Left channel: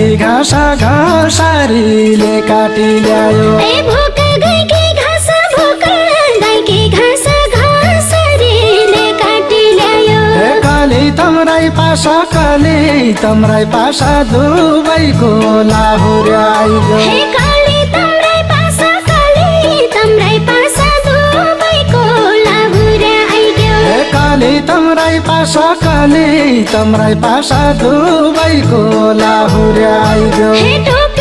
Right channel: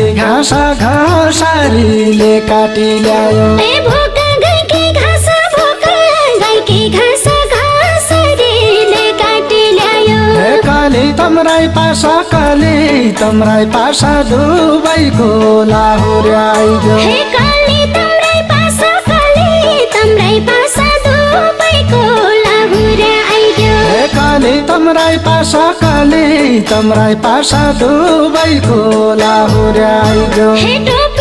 गाईकी घाँस घाँसरीले काटी ल्यायो ए भोका गाईकी घाँस भोका गाईकी घाँस घाँसरीले काटी ल्यायो काली तम्राई पासा दुवैको लाहुर्याइदियो हे काली तम्राई पासा दुवैको लाहुर्याइदियो हे काली तम्राई पासा दुवैको लाहुर्याइदियो हे टोपी